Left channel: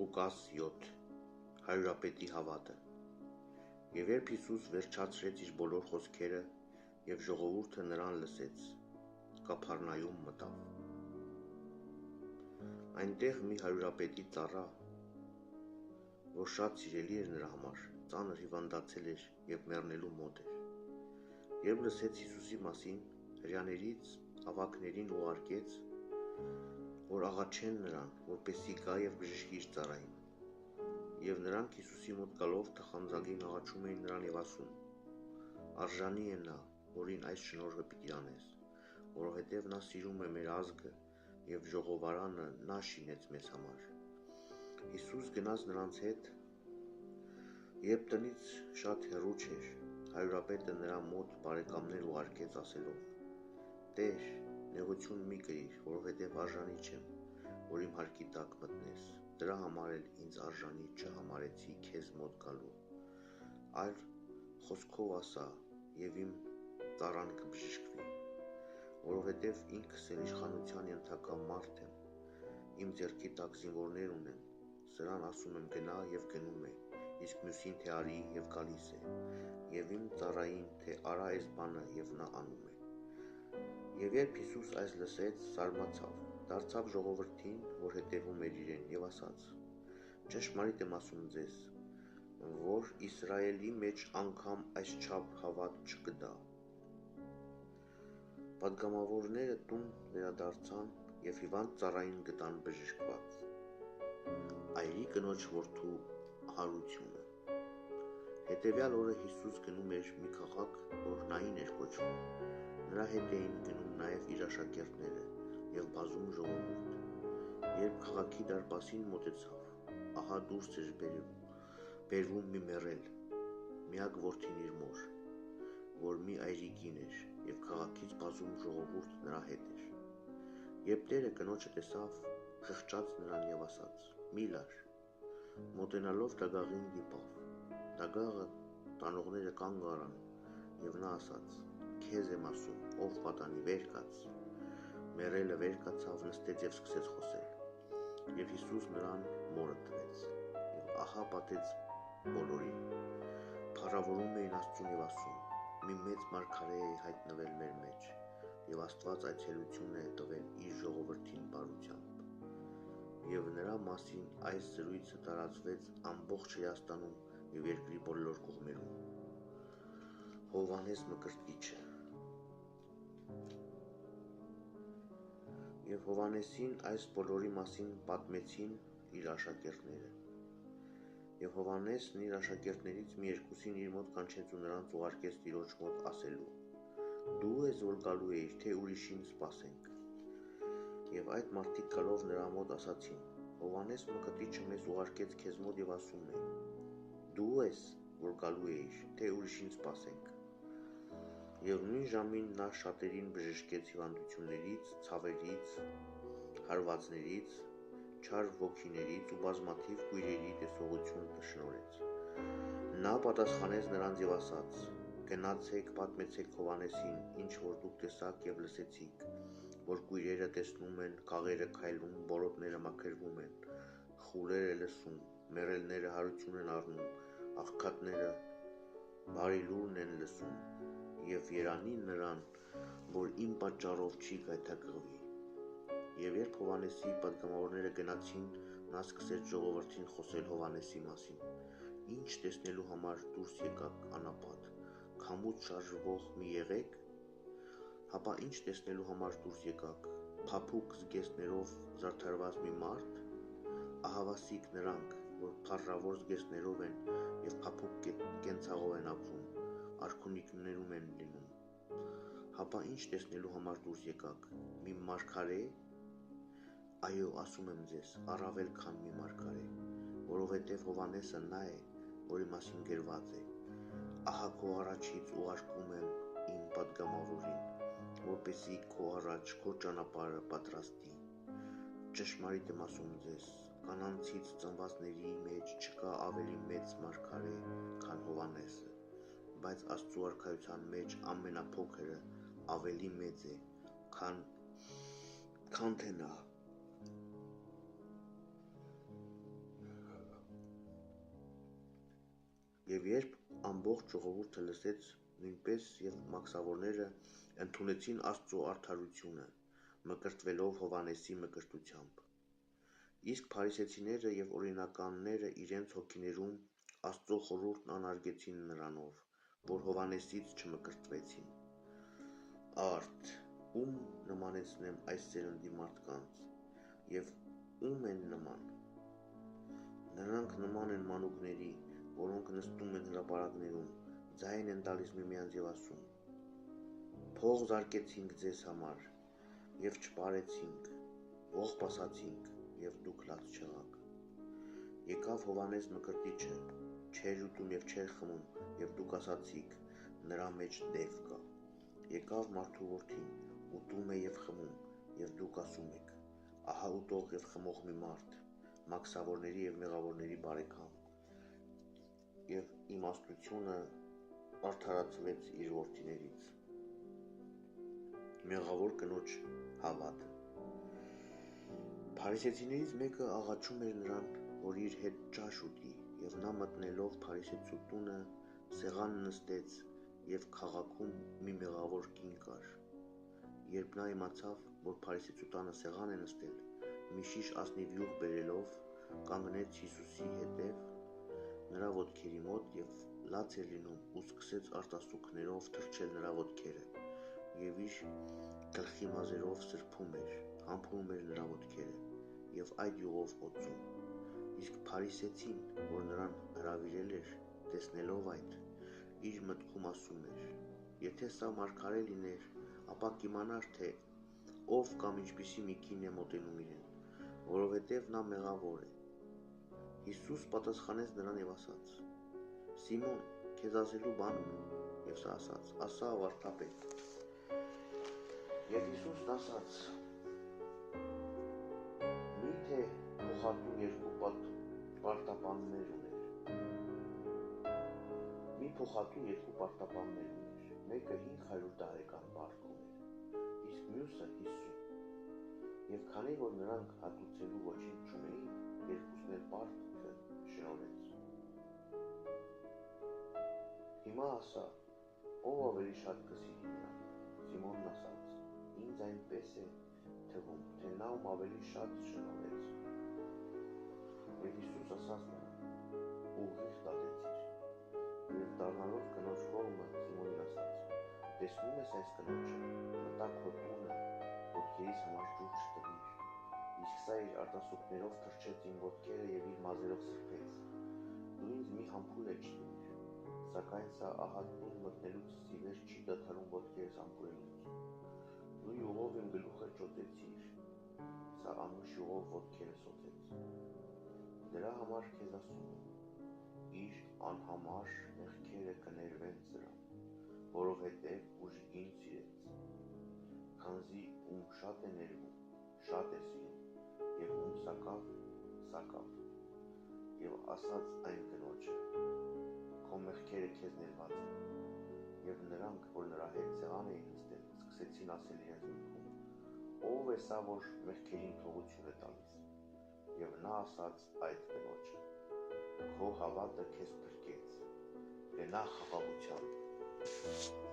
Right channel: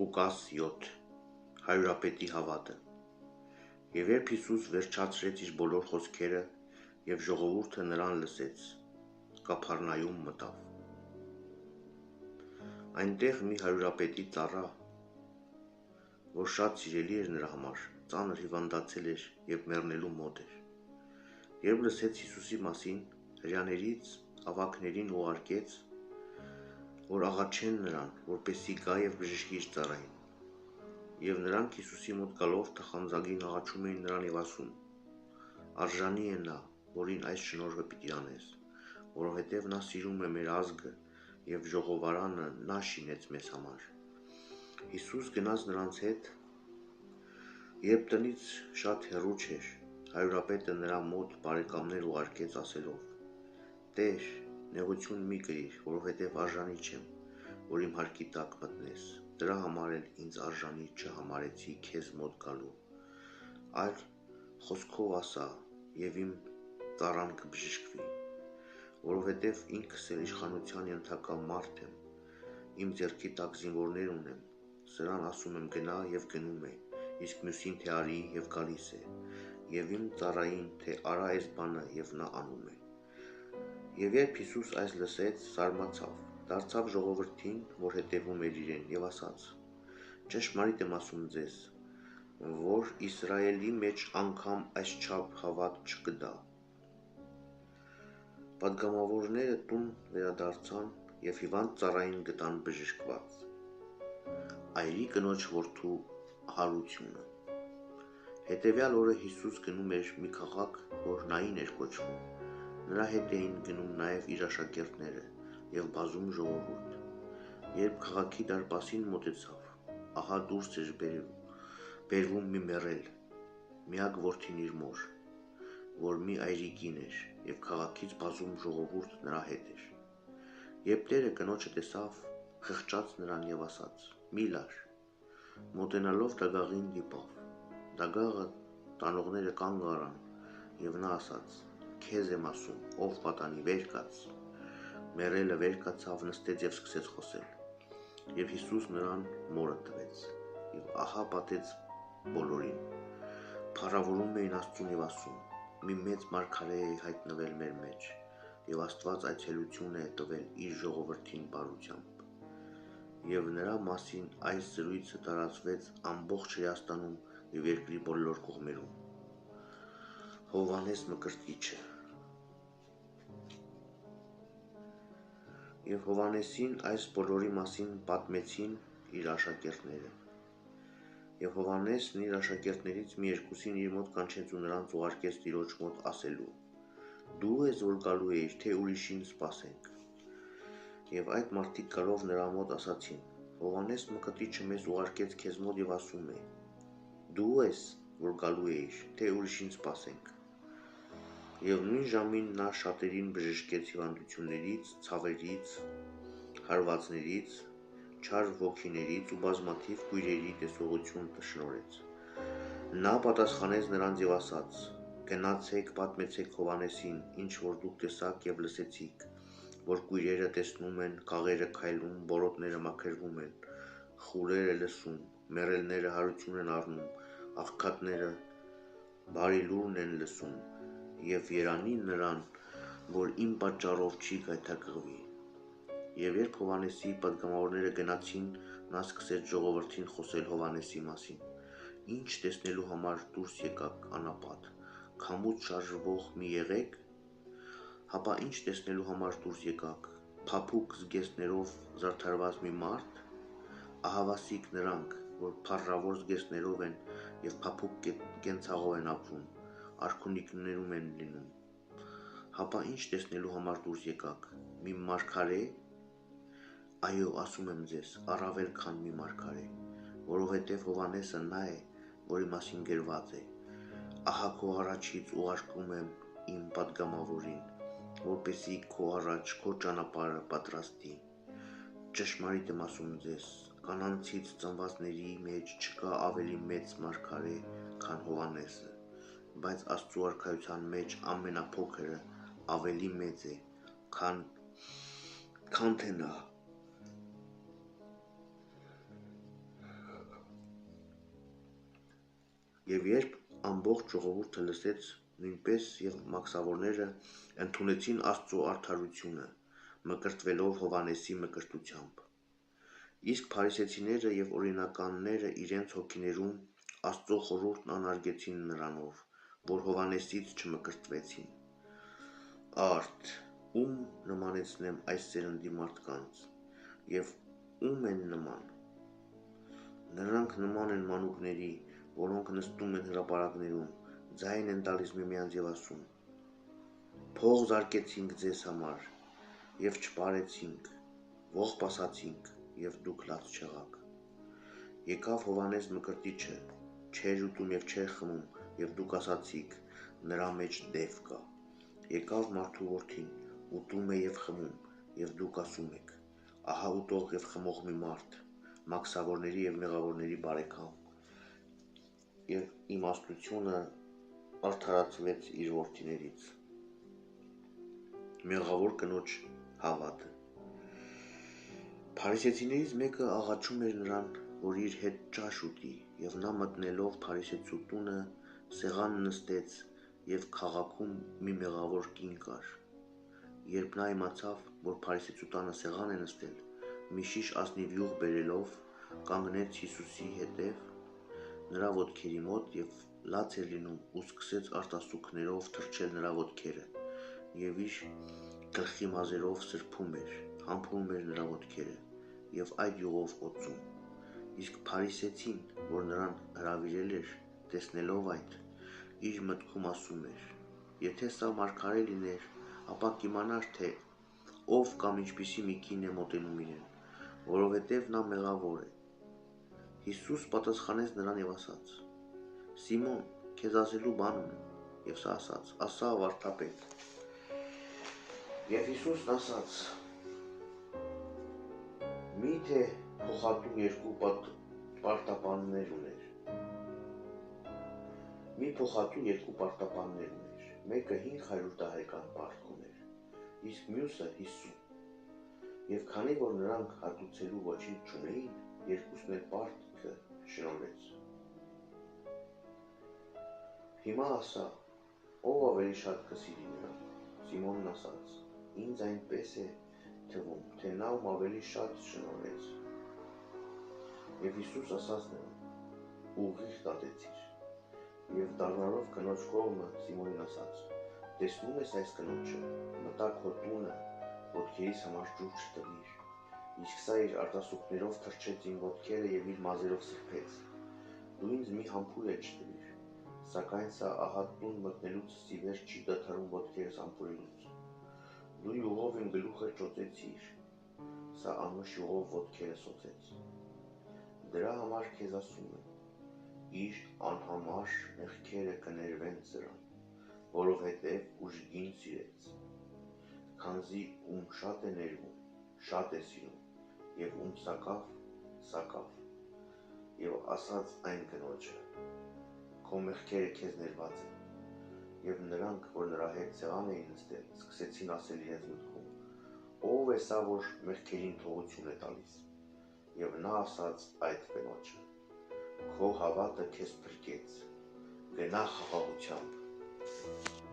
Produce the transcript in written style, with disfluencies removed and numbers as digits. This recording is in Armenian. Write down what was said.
Ղուկաս 7 Հարյուրապետի հավատը։ Եվ երբ Հիսուս վերջացրեց իր բոլոր խոսքերը և ժողովուրդը նրան լսեց, Կափառնայում մտավ։ Այնտեղ մի հարյուրապետի ծառա, որ շատ սիրելի էր նրա համար, ծանր հիվանդացել էր և մեռնելու մոտ էր։ Երբ լսեց Հիսուսի մասին, հրեաներից ավագներին ուղարկեց, որ աղաչեն նրան, որպեսզի գա և բժշկի իր ծառային։ Եվ նրանք Հիսուսի մոտ գալով թախանձագին աղաչում էին նրան և ասում. «Արժանի է նա, որին այս շնորհը պիտի անես, որովհետև նա սիրում է մեր ազգը և ժողովարանը նա շինեց մեզ համար»։ Հիսուս գնաց նրանց հետ, երբ տնից շատ հեռու չէր, հարյուրապետը նրա մոտ բարեկամներ ուղարկեց ասելով. «Տեր, նեղություն մի կրիր, որովհետև արժանի չեմ, որ իմ հարկի տակ մտնես, դրա համար էլ ինձ արժանի չհամարեցի քեզ մոտ գալու, այլ խոսքով ասա, և իմ ծառան կբժշկվի, որովհետև ինքս էլ իշխանության ենթակա մարդ եմ, իմ ձեռքի տակ զինվորներ ունեմ, սրան ասում եմ գնա և գնում է, իսկ մյուսին թե արի և գալիս է, և իմ ծառային թե արա այս բանը և նա անում է»։ Եվ երբ Հիսուս այս լսեց, զարմացավ, դարձավ ժողովրդին, որ հետևում էր իրեն, և ասաց. «Ճշմարիտ եմ ասում ձեզ, որ Իսրայելի մեջ անգամ այսչափ հավատ չկա»։ Պատգամավորները տուն վերադարձան և հիվանդ ծառային գտան բժշկված։ Այրի կնոջ որդու հարությունը։ Հետևյալ օրը Հիսուս գնում էր մի քաղաք, որ Նային էր կոչվում։ Նրա հետ էին գնում նաև իր աշակերտները և բազում ժողովուրդ։ Երբ քաղաքի դարպասին մոտեցավ, ահա դուրս էր բերվում մի մեռել, միակ որդին իր մոր, որ մի այրի կին էր, և քաղաքից բազում ժողովուրդ նրա հետ էր։ Երբ տերը կնոջը տեսավ, խղճաց նրան և ասաց. «Մի լար»։ Մոտենալով դագաղին դիպավ։ Դագաղը տանողները կանգ առան, և նա ասաց. «Քեզ եմ ասում, ով պատանի, վեր կաց»։ Մեռելը վեր կացավ, նստեց և սկսեց խոսել։ Եվ Հիսուս նրան մորը տվեց, և ահա պատեց բոլորին։ Փառավորում էին Աստծուն և ասում. «Մի մեծ մարգարե է հայտնվել մեր մեջ, և Աստված այցելություն է տվել իր ժողովրդին բարությամբ»։ Եվ նրա մասին այս զրույցը տարածվեց ամբողջ Հրեաստանում և երկրի բոլոր կողմերում։ Հովհաննես Մկրտիչը։ Եվ Հովհաննեսին այս բոլորի մասին պատմեցին իր աշակերտները։ Եվ Հովհաննեսն իր աշակերտներից մի երկուսին իր մոտ կանչեց ու նրանց ուղարկեց Տիրոջ մոտ ասելու. «Դու ես, որ գալու էիր, թե ուրիշին սպասենք»։ Եվ այդ մարդիկ գալով նրա մոտ ասացին. «Հովհաննես Մկրտիչը մեզ ուղարկեց քեզ մոտ և ասում է. դու ես, որ գալու էիր, թե ուրիշին սպասենք»։ Եվ նույն ժամին նա շատերին բժշկեց հիվանդություններից, ցավերից, հարվածներից, չար ոգիներից ու բազմաթիվ կույրերի տեսողություն շնորհեց։ Նա պատասխանեց նրանց և ասաց. «Գնացեք, պատմեցեք Հովհաննեսին, ինչ որ դուք տեսաք և լսեցիք, որ կույրերը տեսնում են, քաղերը քայլում, բորոտները մաքրվում են, խուրերը լսում, մեռելները հարություն են առնում, աղքատները բարի լուրն են լսում, և երանի նրան, որ իմ պատճառով չի գայթակղվի»։ Եվ երբ Հովհաննեսի պատգամավորները գնացին, նա սկսեց ժողովրդին խոսել Հովհաննեսի մասին. «Ինչ տեսնելու համար դուրս եկաք անապատ, քամուց շարժվող մի եղե՞ք, հապա ինչ տեսնելու համար դուրս եկաք, փափուկ զգեստներով զարդարված մի մարդ։ Ահավասիկ նրանք, որ փառավոր զգեստներով են և փափուկ կենցաղով են ապրում, արքունիքներում են լինում։ Հապա ինչ տեսնելու համար դուրս եկաք, մի մարգարե՞։ Այո, ասում եմ ձեզ, առավել քան մի մարգարե, որովհետև Հովհաննեսը նա է, որի մասին գրված է. «Ահա քո առաջից ուղարկում եմ իմ պատգամավորին, որպեսզի քո առաջ քո ճանապարհը պատրաստի»։ Ճշմարիտ եմ ասում ձեզ, կանանցից ծնվածների մեջ չկա ավելի մեծ մարգարե, քան Հովհաննեսը, բայց Աստծու արքայության մեջ ամենափոքրը ավելի մեծ է, քան թե նա։ Եվ երբ ամբողջ ժողովուրդը լսեց, նույնպես եւ մաքսավորները ընդունեցին Աստծո արդարությունը, մկրտվելով Հովհաննեսի մկրտությամբ։ Իսկ փարիսեցիները եւ օրինականները իրենց հոգիներում Աստծո խորհուրդն անարգեցին նրանով, որ Հովհաննեսից չմկրտվեցին։ Արդ, ում նմանեցնեմ այս սերնդի մարդկանց, եւ ում են նման։ Նրանք նման են մանուկների, որոնք նստում են հրապարակներում, ձայն են տալիս միմյանց եւ ասում. Փող զարկեցինք ձեզ համար եւ չպարեցինք, ողբ ասացինք եւ դուք լաց չեղաք։ Եկավ Հովհաննես մկրտիչը, չէր ուտում եւ չէր խմում, եւ դուք ասացիք, նրա մեջ դև կա։ Եկավ մարդու որդին, ուտում է եւ խմում, եւ դուք ասում եք. ահա ուտող եւ խմող մի մարդ, մաքսավորների եւ մեղավորների բարեկամ։ Եվ իմաստությունը արդարացվեց իր որդիներից։ Մեղավոր կնոջ հավատը։ Փարիսեցիներից մեկը աղաչում էր նրան, որ իր հետ ճաշ ուտի, եւ նա մտնելով Փարիսեցու տունը սեղան նստեց եւ քաղաքում մի մեղավոր կին կար։ Երբ նա իմացավ, որ Փարիսեցու տանը սեղան է նստել, մի շիշ ասնիվ յուղ բերելով կանգնեց Հիսուսի հետև նրա ոտքերի մոտ եւ լաց էր լինում ու սկսեց արտասուքներով թրջել նրա ոտքերը եւ իր գլխի մազերով սրբում էր, համբուրում էր նրա ոտքերը եւ այդ յուղով օծում։ Իսկ Փարիսեցին, որ նրան հրավիրել էր, տեսնելով այդ, իր մտքում ասում էր. եթե սա մարգարե լիներ, ապա կիմանար, թե ով կամ ինչպիսի մի կին է մոտենում իրեն, որովհետև նա մեղավոր է։ Հիսուս պատասխանեց նրան եւ ասաց. Սիմոն, քեզ ասելու բան ունեմ, եւ սա ասաց. ասա վարդապետ։ Եվ Հիսուսն ասաց. միթե փոխատու երկու պարտապաններ ուներ։ Մի փոխատու երկու պարտապաններ ուներ, մեկը 500 տարեկան պարտք ուներ, իսկ մյուսը 50։ Եվ քանի որ նրանք հատուցելու ոչինչ չունեին, երկուսն էլ պարտքը շնորհեց։ Հիմա ասա, ով ավելի շատ կսիրի նրան։ Սիմոնն ասաց. ինձ այնպես է թվում, թե նա ում ավելի շատ շնորհեց։ Եվ Հիսուս ասաց նրան. ուղիղ տատեցիր։ Եվ դառնալով կնոջ կողմը Սիմոնին ասաց. տեսնում ես այս կնոջը, մտա քո տունը, ոտքերիս համար ջուր չտվիր, իսկ սա իր արտասուքներով թրջեց իմ ոտքերը եւ իր մազերով սրբեց։ Դու ինձ մի համբույր չտվիր, սակայն սա ահա տուն մտնելուց ի վեր չի դադարում ոտքերս համբուրելուց։ Դու յուղով իմ գլուխը ճոծեցիր, սա անուշ յուղով ոտքերս օծեց։ Դրա համար քեզ ասում եմ, իր անհամար մեղքերը կներվեն սրան, որովհետև ուժգին սիրեց, քանզի ում շատ է ներվում, շատ է սիրում, եւ ում սակավ, սակավ։ Եվ ասաց այն կնոջը. քո մեղքերը քեզ ներված են։ Եվ նրանք, որ նրա հետ սեղան էին նստել, սկսեցին ասել իրենց մտքում. ով է սա, որ մեղքերին թողություն է տալիս։ Եվ նա ասաց այդ կնոջը. քո հավատը քեզ փրկեց, գնա խաղաղությամբ։